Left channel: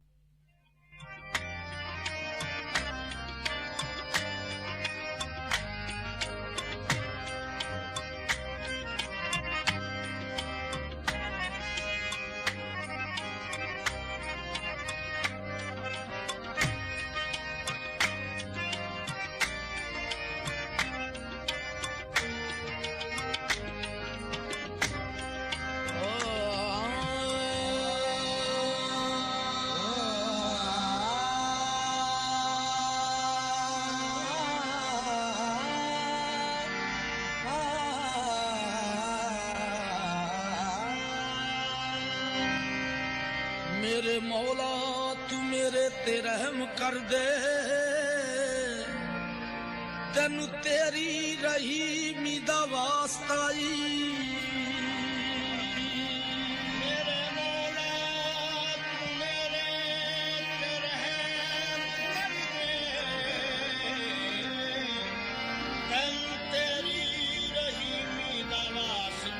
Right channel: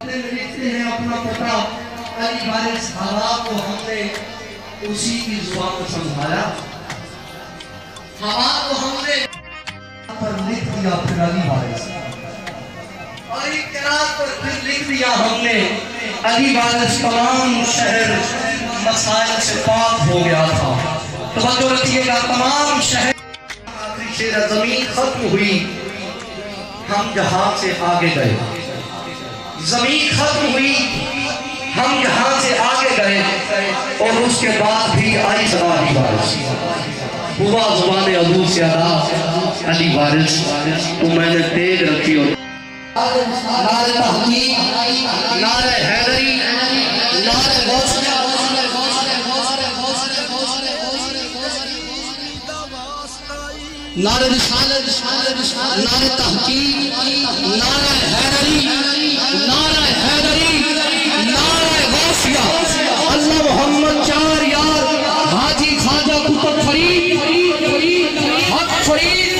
لکھتے ہیں اپنا پتا علی وارث ہوا کو ہم نے اسی کی زبان میں سمجھایا، ہوا کو ہم نے پر لکھ دیا پھر علی وارث، اور ایک قرات پر پھر لکھ دیا ہم نے علی وارث تمام شہر مسائل سے پاک ہو گیا تھا۔ توجہ رکھیے گا، تمام شہر زمین ختم ہوئی، ہم جہاں سے آگے گئے، زمین ختم ہوئی، ہم یہاں سے آگے گئے، اور اس کے بعد بھی آئی زبان علی وارث، ہوا زبان حضور سے آرا علی وارث، تو میں نے تیگ رکھی اور نعرہ تحقیق، نعرہ حیدری، نعرہ غوثیہ، نعرہ رسالت، نعرہ تحقیق، نعرہ حیدری، نعرہ حیدری، نعرہ غوثیہ، اللہ محمد چار یار، حاجی خواجہ قطب فرید، حق فرید،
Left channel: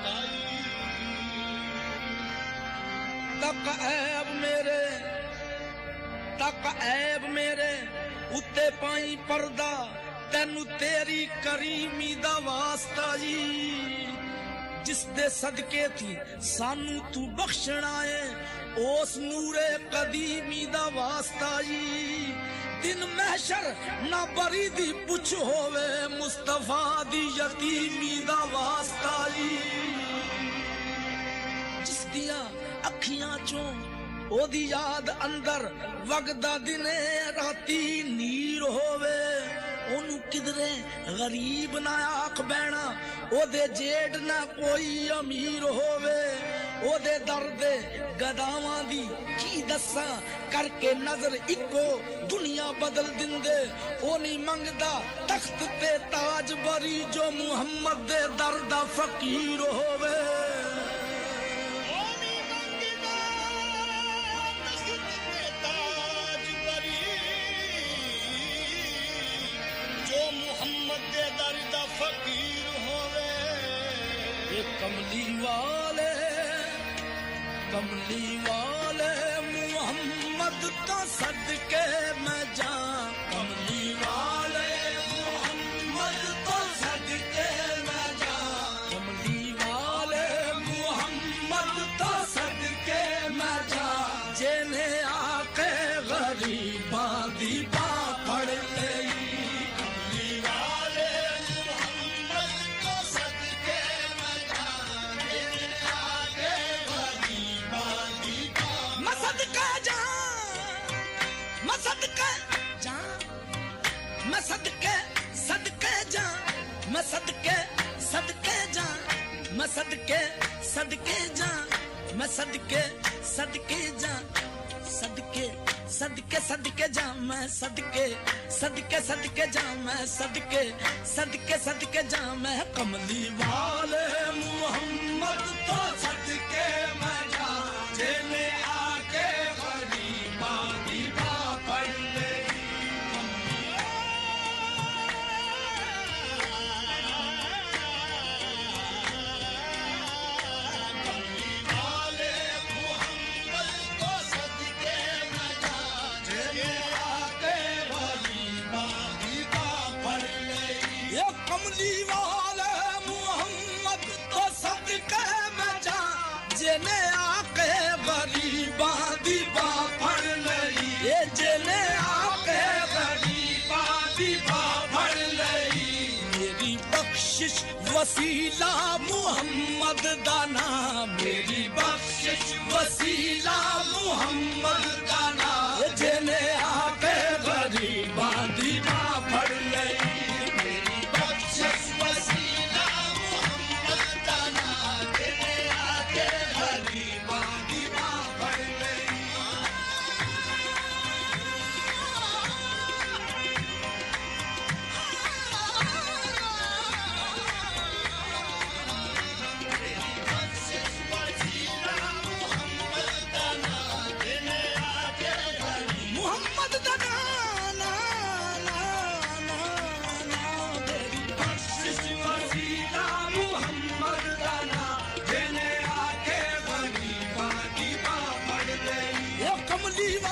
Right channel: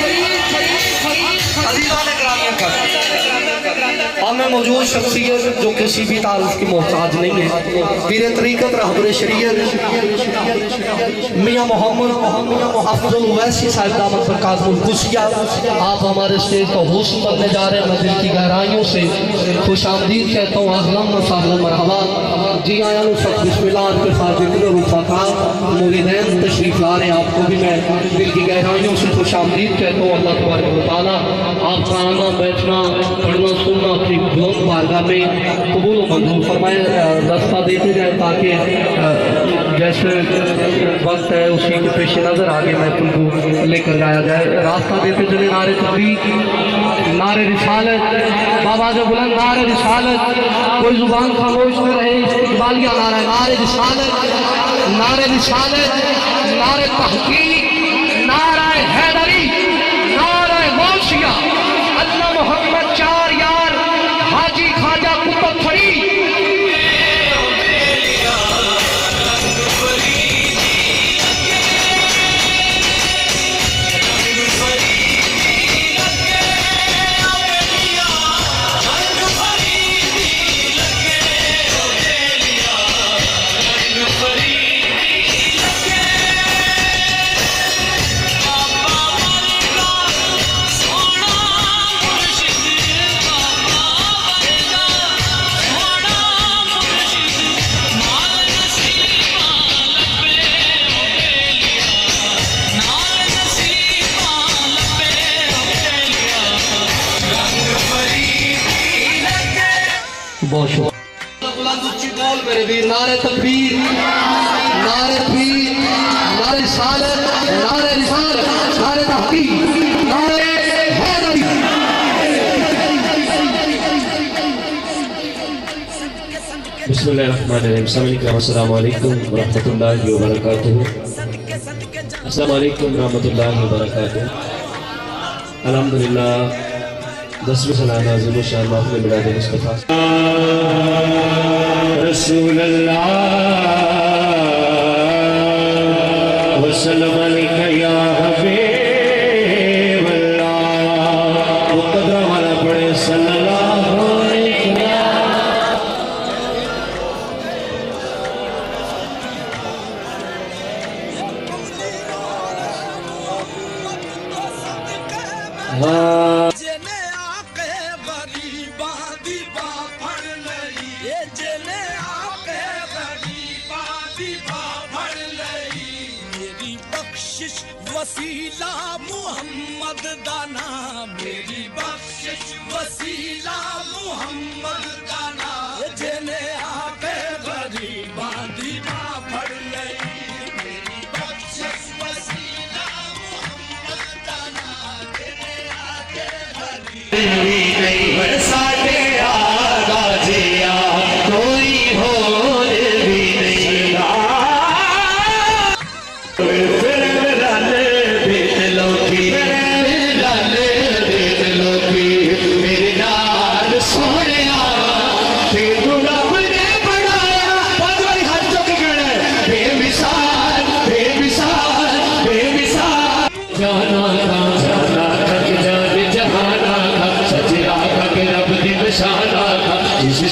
عزیزان اکرامیہ کا ہم میں موجود شخصیت جو کسی بھی تعارف کی محتاج نہیں ہے، پیر طریقت رہبر شریعت میاں محمد حافظ الویسی صاحب دامت برکاتہ القدسیہ، آپ ہمارے اسٹیج کو ہوسٹ کرنے جا رہے ہیں۔ میں دل کی گہرائیوں سے خوش آمدید کہتا ہوں، اہلا و سہلا مرحبا، جی آیا بسم اللہ کے فاضل و رفقا مولدین تشریف لا رہے ہیں، آپ کو بھی میں دل کی گہرائیوں سے خوش آمدید کہتا ہوں۔ اللہ تبارک و تعالیٰ آپ کا آنا بیٹھنا پڑھنا سننا اپنی بلند بارگاہ میں قبول و منظور فرمائے، دستہ دیتے جائیں تاکہ جیسے وقت ہے اسی کو پیش نظر آگے محفل کو لے کر جایا جائے۔ راستہ دیتے چلے نعرہ تحقیق، نعرہ رسالت، بابا جو بلند نعرہ رسالت، کوئی زبان خاموش نہ رہے، استقبالیہ نعرہ، نعرہ رسالت، نعرہ رسالت، نعرہ تحقیق، نعرہ حیدری، نعرہ غوثیہ، اللہ محمد چار یار، حاجی خواجہ قطب فرید، بہت شکریہ میرے بھی، نعرہ تکبیر، نعرہ تکبیر، نعرہ رسالت، نعرہ رسالت، نعرہ تحقیق، نعرہ حیدری۔ بسم اللہ الرحمن الرحیم، السلام علیکم ورحمۃ اللہ وبرکاتہ، السلام علیکم ورحمۃ اللہ وبرکاتہ۔ الحمدللہ، 10 سلام عظیم شان محمد بلاد مصطفیٰ رسول اللہ وسلم علیکہ یا حبیب اللہ، مقدرہ والا پڑھے صلی اللہ علیہ وسلم۔ وسیلہ محمد دانا، میری بخشش وسیلہ محمد دانا، جنے آکے غریباں دی ماں پڑھ لئی، میری بخشش وسیلہ محمد دانا، جنے آکے غریباں برساتے آگا جیا، کوئی ہور بھی نہیں رہا۔ جانا جانا جانا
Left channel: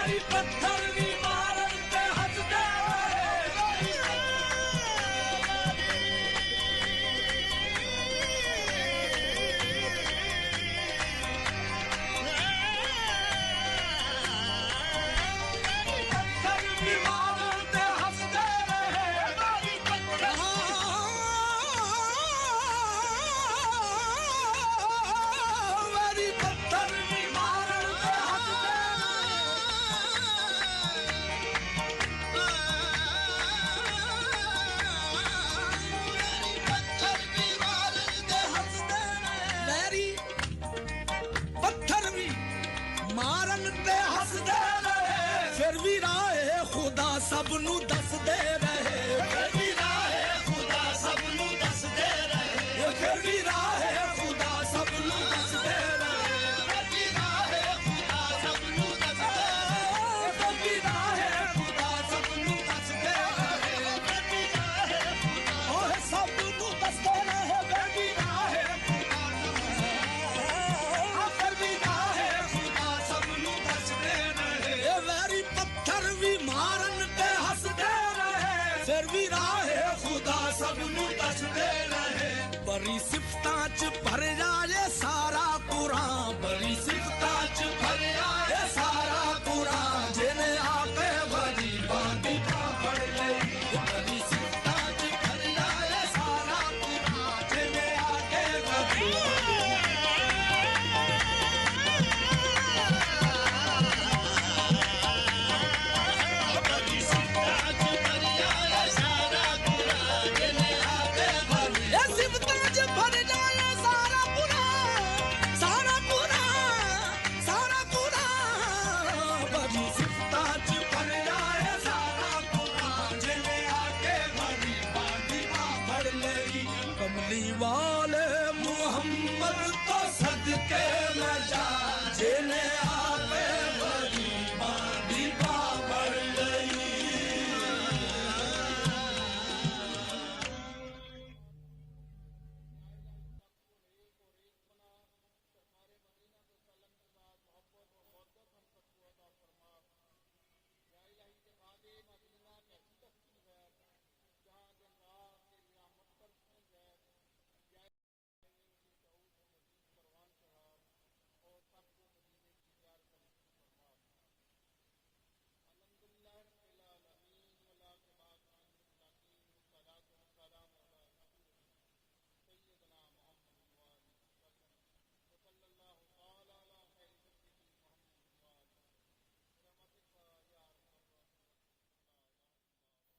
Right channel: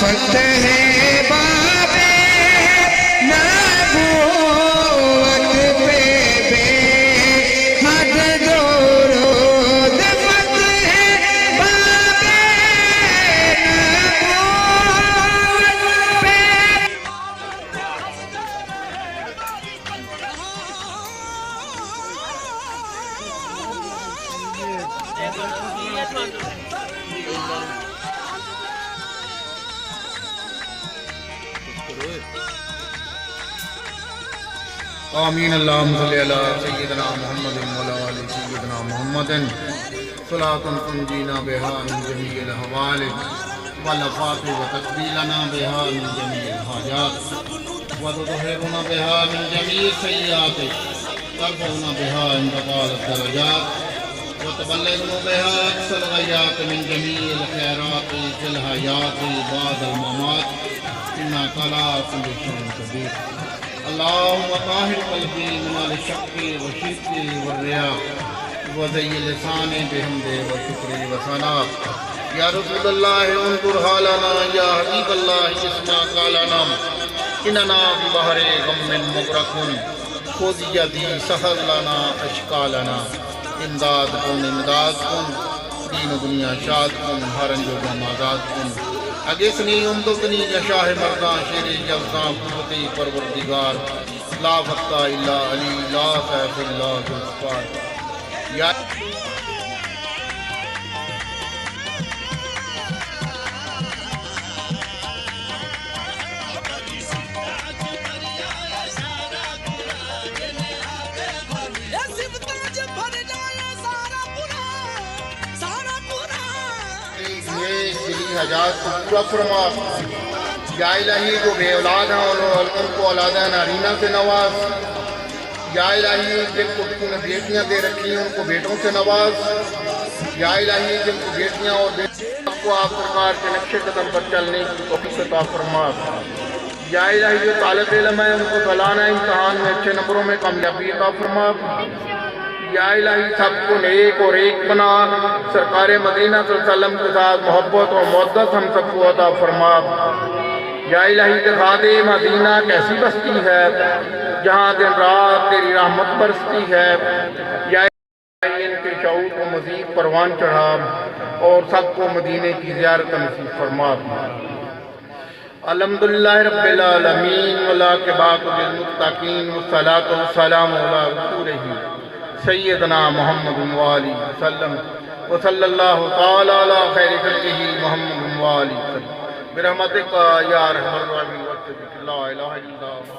فتح باب نبوت پہ بے حد درود فتح باب نبوت پہ آمین اللہم صلی اللہ سیدنا محمد وعلی آل سیدنا محمد صلاة تنجینا بها من جمیع الاحوال والافات وتقبیلنا بها من جمیع الحاجات وتطهرنا بها من جمیع السیئات وترفعنا بها عند قال الدرجات وتبلغنا بها اقصى الغايات من جميع الخيرات في الحياة بعد الممات انك على كل شيء قدير اللهم طهر قلبي من الشك والشرك والرياء وزين لساني بحمد وشكر وثناء يا رسول الله انظر حالنا يا حبيب الله اسمع قالنا اننا ببحر غم مغرقون خذ يدي سهل لنا اشكالنا امداد کن دین دنیا شاد کن ہر انجو آزاد کن اگسنی امدکنی یا شاہ مردان شیری جلسام قدرتی پروردگار لا وقتا الا علی لا خیف اللہ بالغفار یا پورا فرما یا الہی جو بے اولاد ہیں ان کو اولادہ نارینہ سے نواز یا الہی جن کو بیٹیاں دے رکھی ہیں ان کو بیٹوں سے نواز یا الہی جن کو بیٹیاں اور بیٹوں کو آپ سرکار کے نقشے قدم پر چلنے کی توفیق عطا فرما یا الہی جو طالب علم ہے ان کو سالانہ امتحان میں اچھے نمبروں میں کامیابی عطا فرما یا الہی سب کو نیک اور ایک بنا سرکار مدینہ صلی اللہ علیہ وسلم کے ساتھ محبت اور محبت ہم سب کو عطا فرما یا الہی دکھا دے مدینہ کیسی بستی ہے جہاں دن رات تیری رحمت برستی ہے یا الہی ان کے شعور کو مزید پروان چڑھا اور سب کو مدینے کی زیارت نصیب فرما الحمدللہ رب العالمین والعاقبۃ للمتقین والصلاۃ والسلام علی رسولہ سیدنا محمد وآلہ وسلم وصلی اللہ تعالی علی خیر خلقہ محمد وآلہ وسلم برحمتک یا ارحم الراحمین لا الہ الا اللہ